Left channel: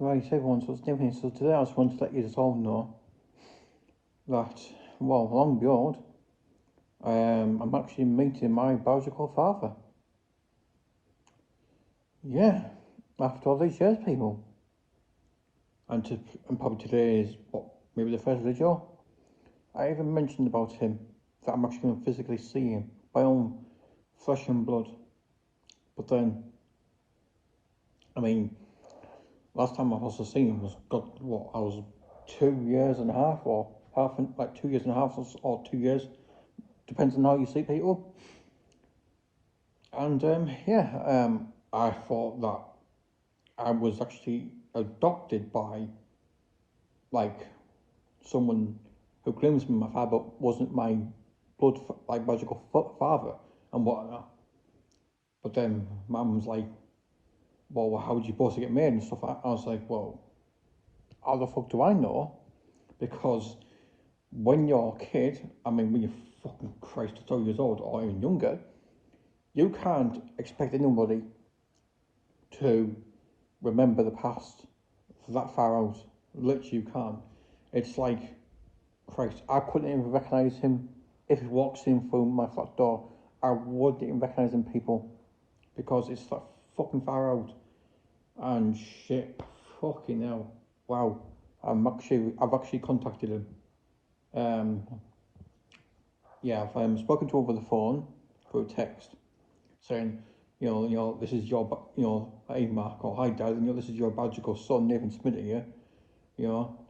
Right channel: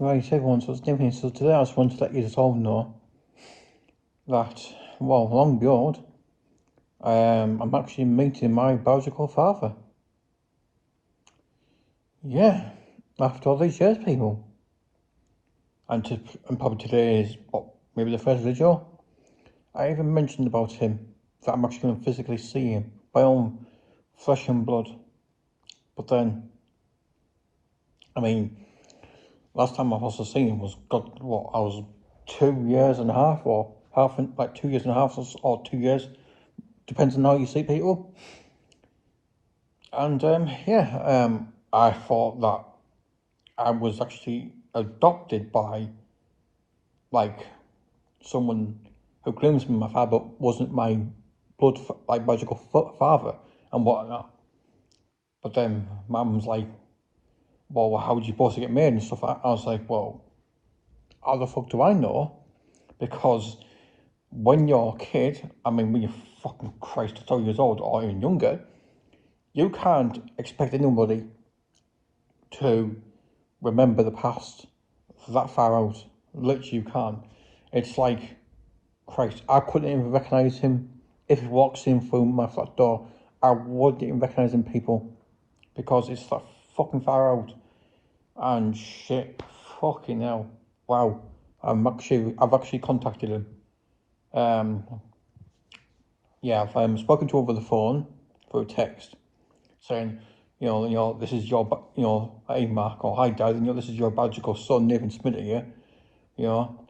Right, everyone, so it's Nathan. So today I just want to let you just all know that, well, long beyond, I'm actually meeting my biological father. Yeah, after all these years, people. And probably today is, what, maybe the first video? I even mentioned about him, that I'm actually going to physically see him, by own flesh and blood. But then, I mean, last time I've also seen him was, God, what, I was 2 years and a half, or like 2 years and a half, or 2 years, depends on how you see people. And I thought that I was actually adopted by like someone who claims to be my father, but wasn't my like biological father and whatnot. But then Mum's like, "Well, how would you supposed to get married and stuff?" I was like, "Well, how the fuck do I know?" Because when you're a kid, I mean, when you're fucking Christ, 12 years old or even younger, you can't expect anybody to remember the past that far out. Literally, you can't. It's like, Christ, I couldn't even recognise him. If he walks in through my flat door, I wouldn't even recognise him, people, because it's that fucking far out. And shit, fucking hell, wow. I've actually contacted him. Um, yeah, I've spoken to him over the phone through text, saying, this is your, hey Mark, or hi Dad, this is your biological son, Nathan Smiddy, yeah, you know,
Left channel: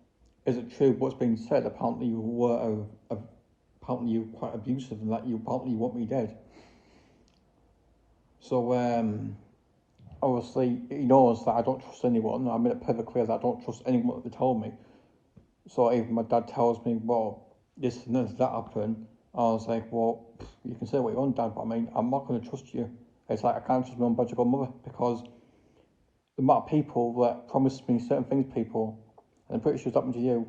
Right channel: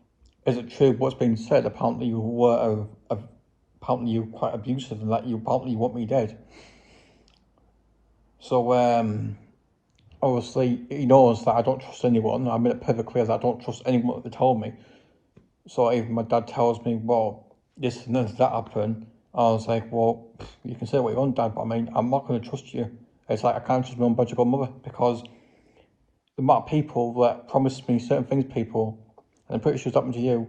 is it true what's been said? Apparently you were, apparently you were quite abusive and that you apparently want me dead. So, obviously he knows that I don't trust anyone. I made it perfectly clear that I don't trust anyone that they told me. So even my dad tells me, well, this and that happened. I was like, well, you can say what you want, Dad, but I mean, I'm not going to trust you. It's like I can't trust my own biological mother because the amount of people that promised me certain things, people, and I'm pretty sure it's happened to you,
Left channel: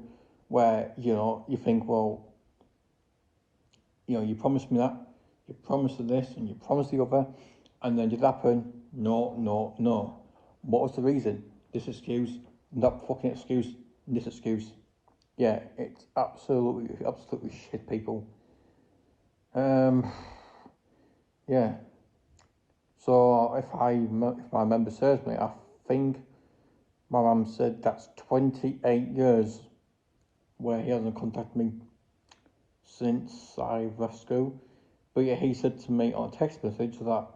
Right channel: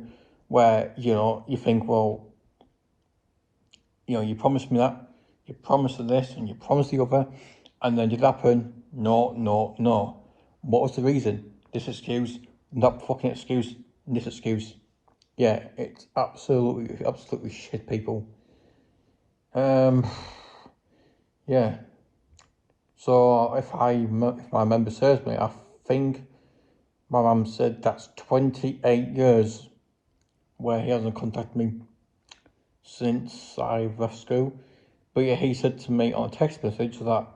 where, you think, well, you promised me that, you promised this, and you promised the other, and then did it happen? No, no, no. What was the reason? This excuse, not fucking excuse, this excuse. Yeah, it's absolutely, absolutely shit, people. Um, yeah. So if my memory serves me, I think my mum said that's 28 years where he hasn't contacted me since I left school. But yeah, he said to me on a text message that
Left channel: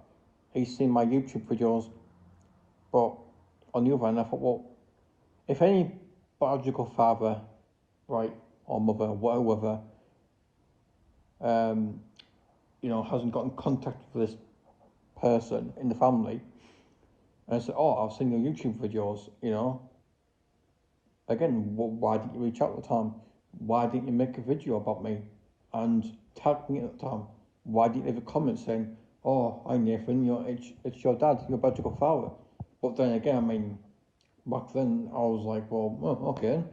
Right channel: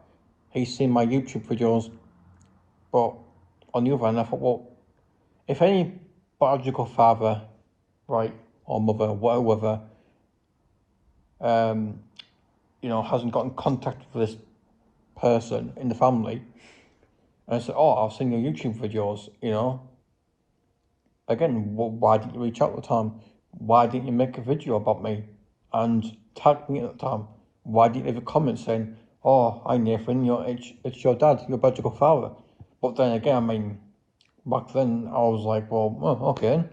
he's seen my YouTube videos. But on the other hand, I thought, well, if any biological father, right, or mother, whatever, um, hasn't got in contact with this person in the family, and I said, oh, I've seen your YouTube videos, again, why didn't you reach out at the time? Why didn't you make a video about me and tag me at the time? Why didn't you leave a comment saying, oh, hi Nathan, it's your dad, your biological father? But then again, I mean, back then I was like, well, okay.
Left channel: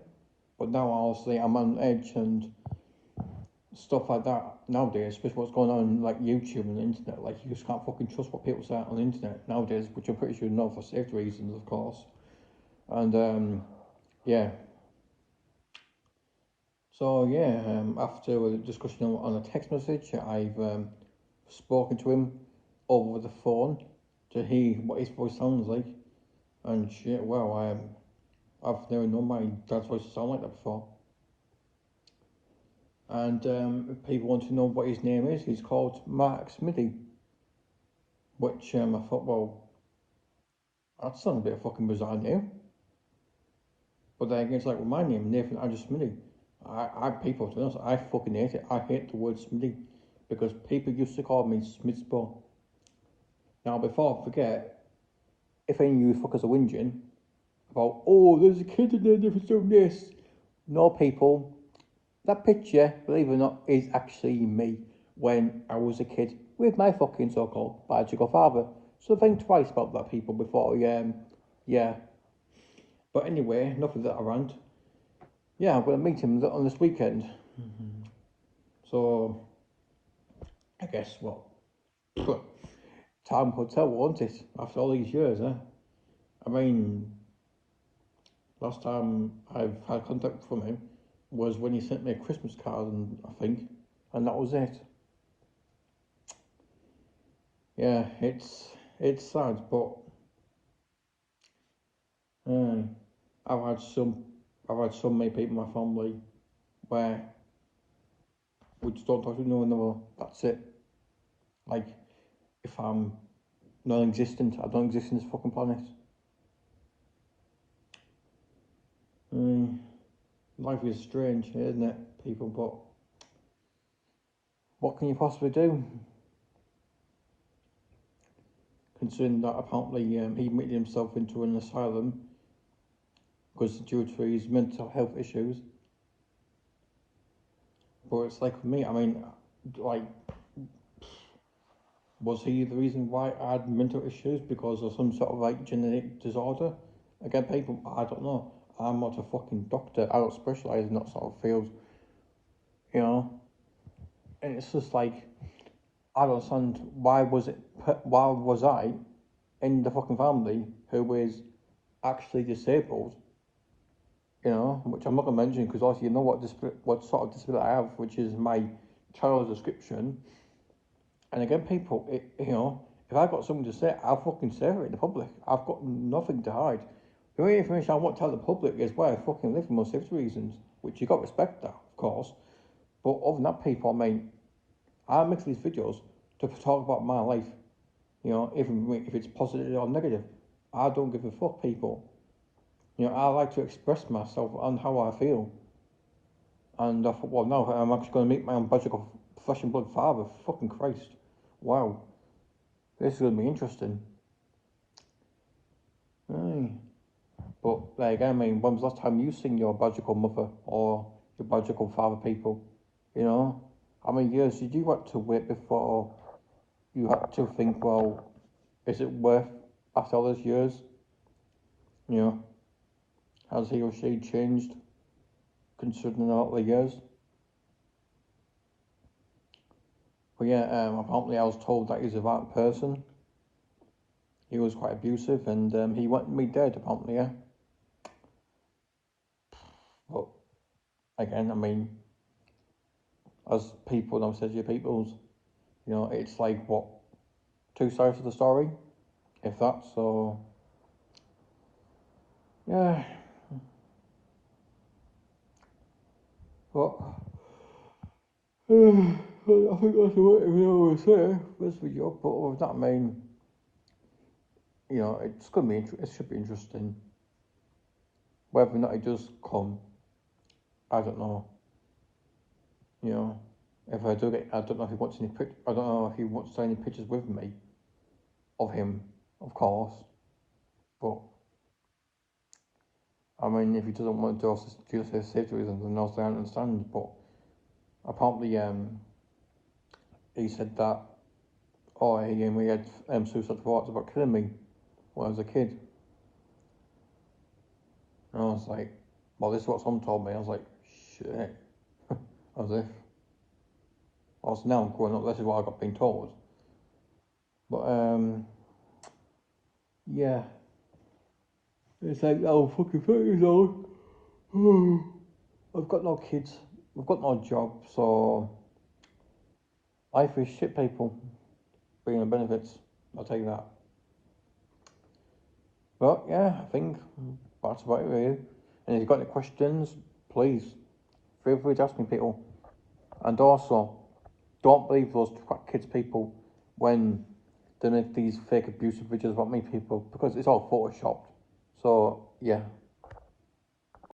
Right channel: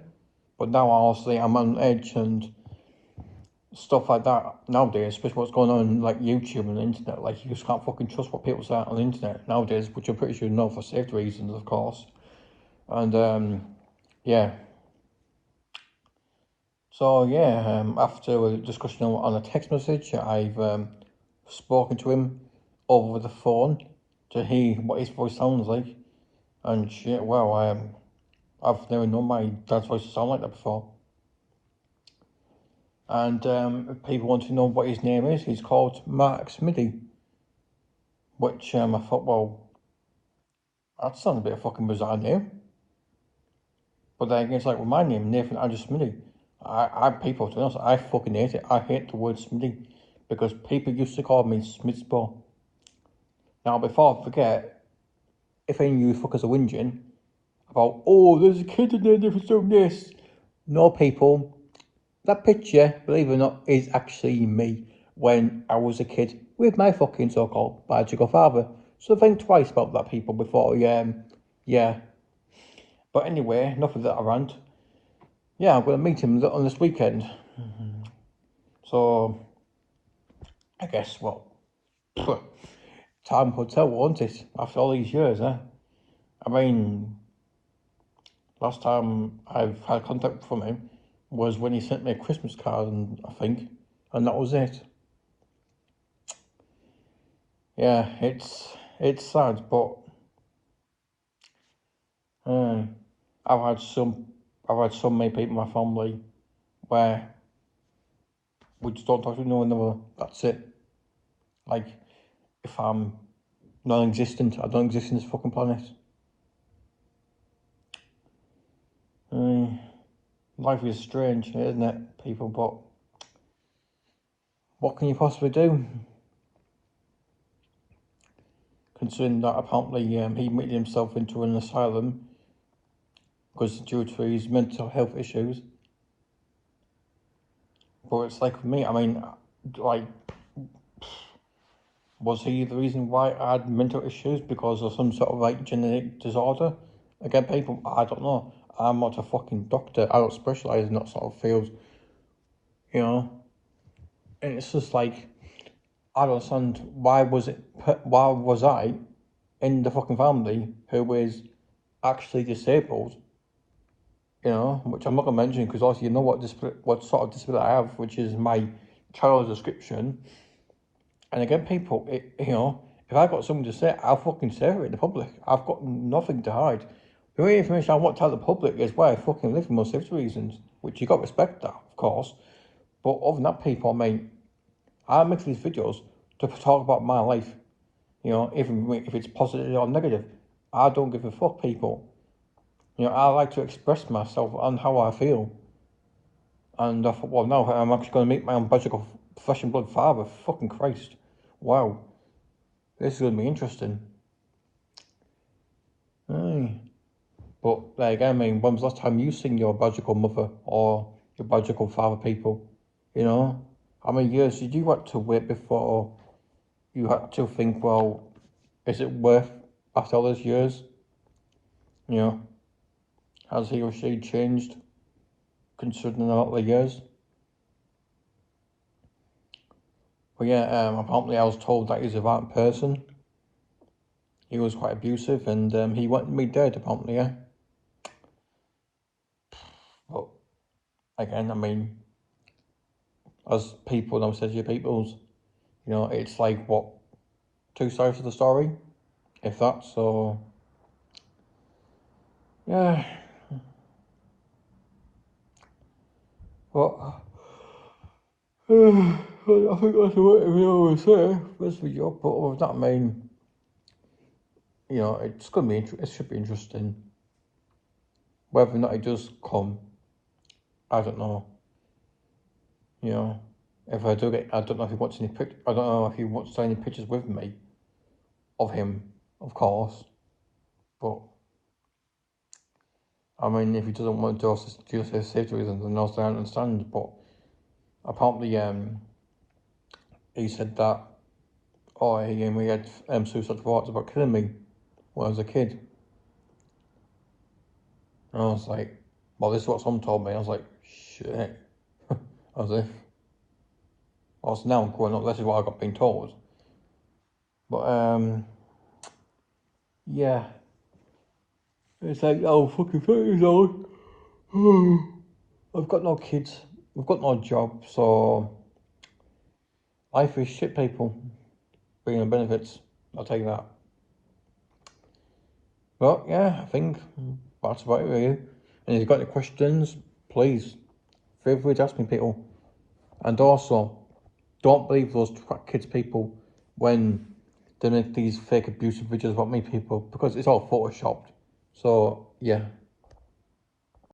But now obviously I'm on edge and stuff like that nowadays, especially what's going on like YouTube and the internet. Like you just can't fucking trust what people say on the internet nowadays, which I'm pretty sure you know for safety reasons, of course. And yeah. So yeah, after a discussion on a text message, I've spoken to him over the phone to hear what his voice sounds like. And shit, wow, I've never known my dad's voice to sound like that before. And if people want to know what his name is, he's called Mark Smiddy, which I thought, well, that sounds a bit of a fucking bizarre name. But then again, it's like with my name, Nathan Andrew Smiddy. People, to be honest, I fucking hate it. I hate the word Smiddy because people used to call me Smidspo. Now, before I forget, if any of you fuckers are whinging about, oh, there's a kid in there for doing this. No, people, that picture, believe it or not, is actually me when I was a kid with my fucking so-called biological father. So think twice about that, people, before yeah. But anyway, enough of that rant. Yeah, I'm going to meet him on this weekend. So, I guess, well, time will tell, won't it? After all these years, eh? I mean, Last time I've had contact from him was when he sent me a Christmas card, and I think, and that was it. Yeah, it's sad, but uh, I've had some I've had so many people in my family where we just don't talk to one another. That's it. Like, if I'm non-existent, I don't exist in this fucking planet. Uh, Life is strange, isn't it, people? But what can you possibly do? Considering that apparently he admitted himself into an asylum because due to his mental health issues. But it's like for me, I mean, like, was he the reason why I had mental issues because of some sort of like genetic disorder? Again, people, I don't know. I'm not a fucking doctor. I don't specialise in that sort of field, you know. And it's just like I don't understand why was I in the fucking family who is actually disabled, you know, which I'm not gonna mention because obviously you know what sort of disability I have, which is my child description. And again, people, you know, if I've got something to say, I'll fucking say it in the public. I've got nothing to hide. The only information I want to tell the public is where I fucking live for most safety reasons, which you got to respect that, of course. But other than that, people, I mean, I make these videos to talk about my life, you know, even if it's positive or negative. I don't give a fuck, people. You know, I like to express myself and how I feel. And I thought, well, no, I'm actually going to meet my own biological flesh and blood father. Fucking Christ. Wow. This is going to be interesting. Aye. But there again, I mean, when was the last time you seen your biological mother or your biological father, people? You know? How many years did you have to wait before you had to think, well, is it worth after all those years? You know? Has he or she changed considering all the years? But yeah, apparently I was told that he's a violent person. He was quite abusive and he wanted me dead, apparently, yeah. But again, I mean, as people now says, you peoples, you know, it's like what, two sides of the story, if that. So yeah, but I think that's what we always say. This video, but other than that, I mean, you know, it's gonna be it should be interesting. Whether or not it does come, I don't know. You know, if I do get, I don't know if he wants any pic. I don't know if he wants any pictures with me of him, of course. But I mean, if he doesn't want to do this safety reasons, then also I understand. But apparently, he said that, oh, he had suicide thoughts about killing me when I was a kid. And I was like, well, this is what someone told me. I was like, shit. As if. Well, so now I'm growing up, this is what I got being told. But, yeah. It's like, oh, fucking 30 years old. I've got no kids. I've got no job, so life is shit, people. Bringing the benefits. I'll tell you that. But, yeah, I think that's about it, really. And if you've got any questions, please feel free to ask me, people. And also, don't believe those kids, people, when they make these fake abusive videos about me, people, because it's all photoshopped. So, yeah.